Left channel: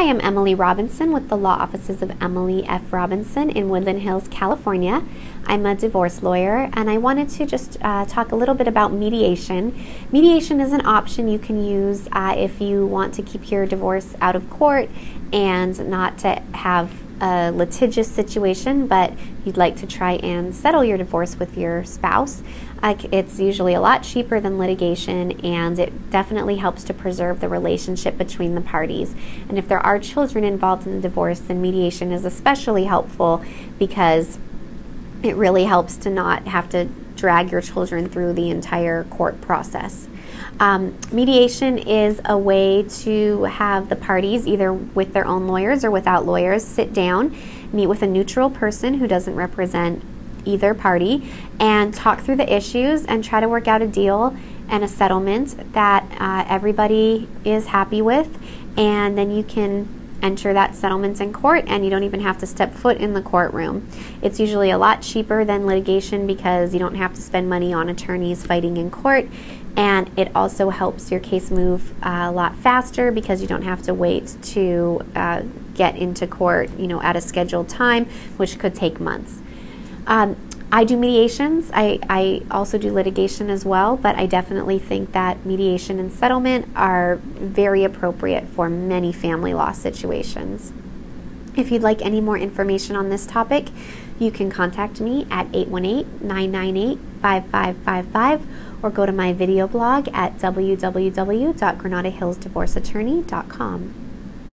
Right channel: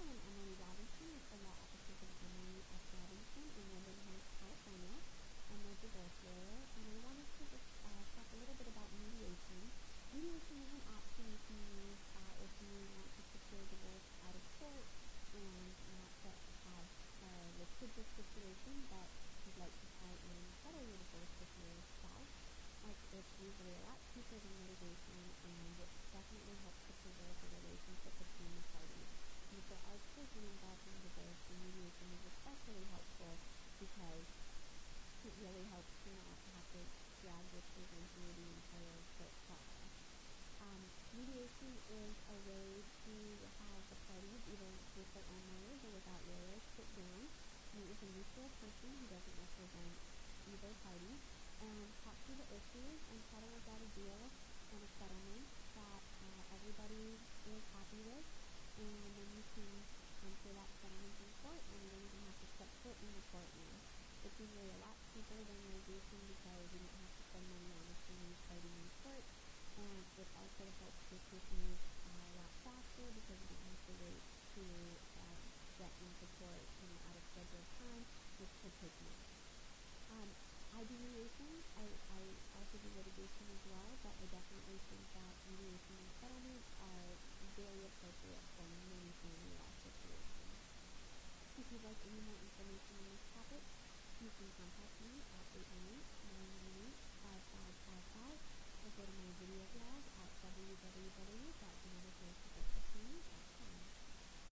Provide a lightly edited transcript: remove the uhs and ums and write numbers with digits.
Hi, I'm Emily Robinson with the Law Offices of Emily F. Robinson in Woodland Hills, California. I'm a divorce lawyer, and I wanted to just talk a little bit about mediation. Mediation is an option you can use if you want to keep your divorce out of court and not to have a litigious situation, but you'd like to try and settle your divorce with your spouse. It's usually a lot cheaper than litigation, and it definitely helps to preserve the relationship between the parties. And if there are children involved in the divorce, then mediation is especially helpful because it really helps to not have to drag your children through the entire court process. Mediation is a way to have the parties, either with their own lawyers or without lawyers, sit down, meet with a neutral person who doesn't represent either party, and talk through the issues and try to work out a deal and a settlement that everybody is happy with, and then you can enter that settlement in court and you don't even have to step foot in the courtroom. It's usually a lot cheaper than litigation because you don't have to spend money on attorneys fighting in court, and it also helps your case move a lot faster because you don't have to wait to get into court, at a scheduled time, which could take months. I do mediations. I also do litigation as well, but I definitely think that mediation and settlement are very appropriate for many family law situations. If you'd like any more information on this topic, you can contact me at 818-998-5555 or go to my video blog at www.granadahillsdivorceattorney.com.